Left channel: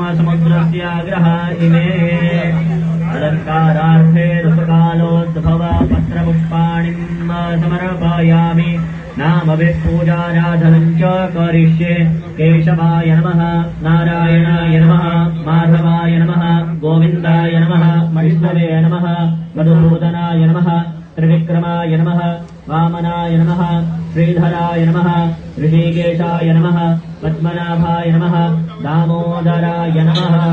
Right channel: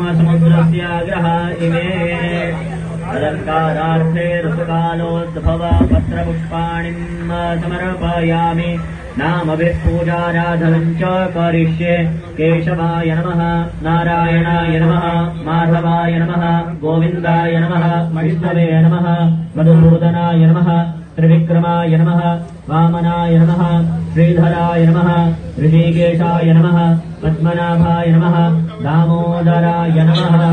समुद्रस्याग्रह इमे अलङ्कारार्थे सुखकालोद्भवपत्रपुष्पाणिं समर्पयामि। नामविपूजाराधनं च करिष्ये। केशवाय नमः, नारायणाय नमः, माधवाय नमः, गोविन्दाय नमः, विष्णवे नमः, मधुसूदनाय नमः, त्रिविक्रमाय नमः, वामनाय नमः, श्रीधराय नमः, ऋषिकेशाय नमः, पद्मनाभाय नमः, दामोदराय नमः।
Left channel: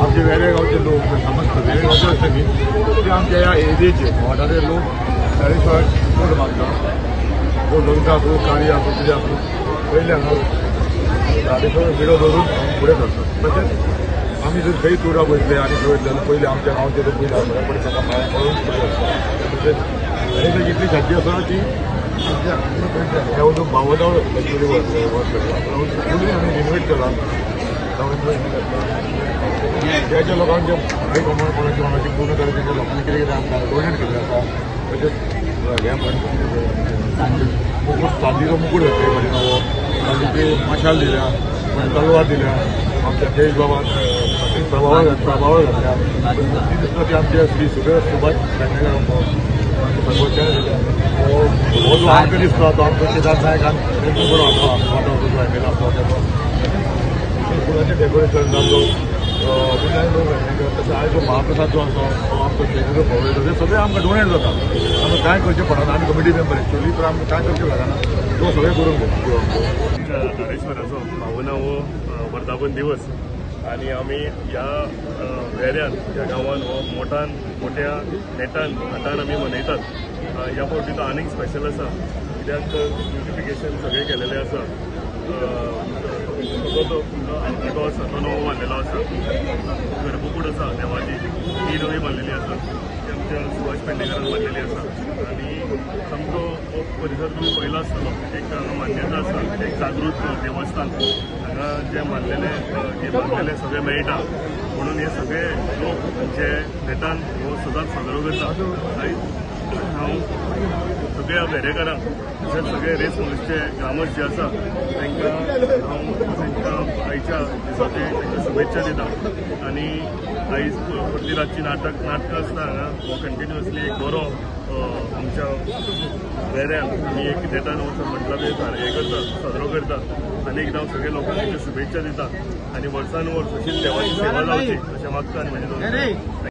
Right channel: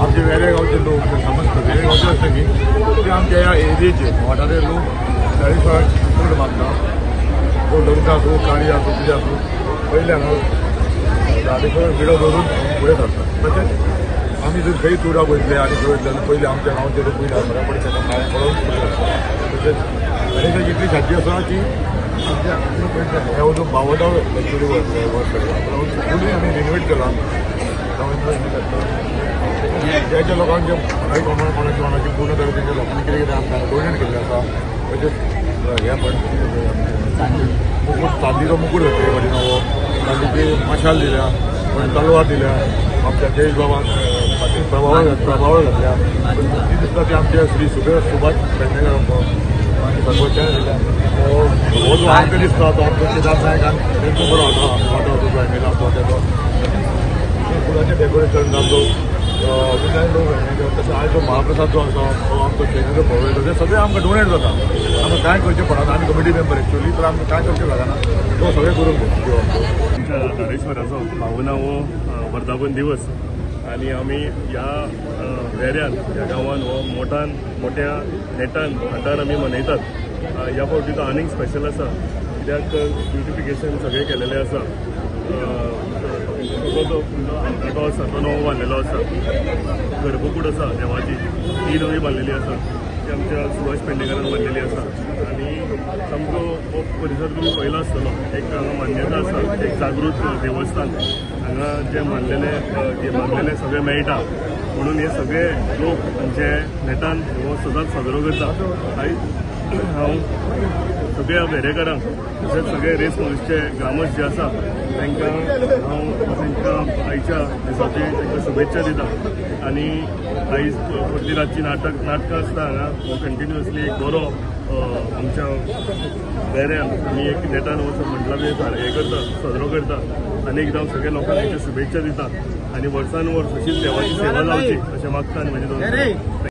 आमचे वेगळ्या गावचे लोक समजतात वेगळे गावचे असते की ते आमच्या ह्या एरियेचे वाठाराचे लोक चाळीसवार चड बांधतात जो लग्न असो कार्य असो कितें असो पयल्यान चाळीसवार विडो दवरून फुडें सरतात तशेंच आमी जर खंय टुराक वयतले आनी खंय वयतले जाल्यार पयले आमच्या गांवचे लोक पयले फटाफट ताका पांयां पडून फुडें सरतात तशेंच गणेशाची इतली खाती आसा की ह्या जो बावदाव एक्चुअली फुलूय आमी रिनोवेट केला ज्या ज्या लोकांचे मराठी कोणाची पूर्ण तरेचे लोकांनी कितें कितें आमकां डोनेट केल्लें आसा तशेंच हे मुकुट चांदीचो मुकुट घातले कडेन नवो चांदीची मशाल दिल्या तलवार दिल्या आमच्या देश बाबान प्रभावळ घातल्या ती दिसता ती आमचे श्री सुभाष पेडणेकर भगवते हो जो आमकां दिसता तो आमचो केदार नायक आनी तेंचो बरो वांटो जो एम आसलो तेचो फुलांचें डेकोरेशन जातो विजय लोक तशें आयज जो महाप्रसाद जो आसा तो आमकां स्टेजीचो प्रोवायड ते सगळें आमकां डोनेट जाता आमकां कांय करचें पडना आमी कमिटी मेंबर एक्चुअली पण आमकां कांय करचें लागना तो सगळें करून घेतलो आमचो आमच्या धारेश्वराचो 52वो वर्धापन दिवस आनी आमी ह्या एरियान ह्या गांवांत हो मोठ्या नेटान हातान आमी मनयतात। ह्या फावटी तो आनीक स्पेशल आसा कित्याक ब्युटिफिकेशन सगळें केलेलें आसा। जो आसा तो नवो बांदलेलो आसा गर्भकूड आसा देवाची ती नवी बांदलेली आसा ती आमच्या सुभाष पेडणेकरान बांदलेली आसा आनी सामको हो परिसर तुमी पयलो आसतलो एक हांगा मान्यता आसा एक जागृत देवस्थान हांगा जे मानलेले सगळे मेळटा म्हणून हे सगळे लोक जे नेटान हो सदांच साजरो करता। आयज हांव सगळ्या वेरेकारांक तशेंच सगळे रेस महोत्सवचे ग्रामस्थ जे आसा तांकां हांव तांच्या आयच्या दिसाची तांकां शुभेच्छा दिता आनी आयज फाटली रातची नाटकां आसता हांगा हो कंटिन्युअसली एक बरो आमच्या वेऱ्यान आमी एक नेटान हो मंडळान हे करता साजरो करता आनी एकदां सगळ्या लोकांक हेच्या शुभेच्छा दिता आनी वर्सान वर्स अशीच देवाची सेवा जावची अशें मागता आनी म्हजे दोन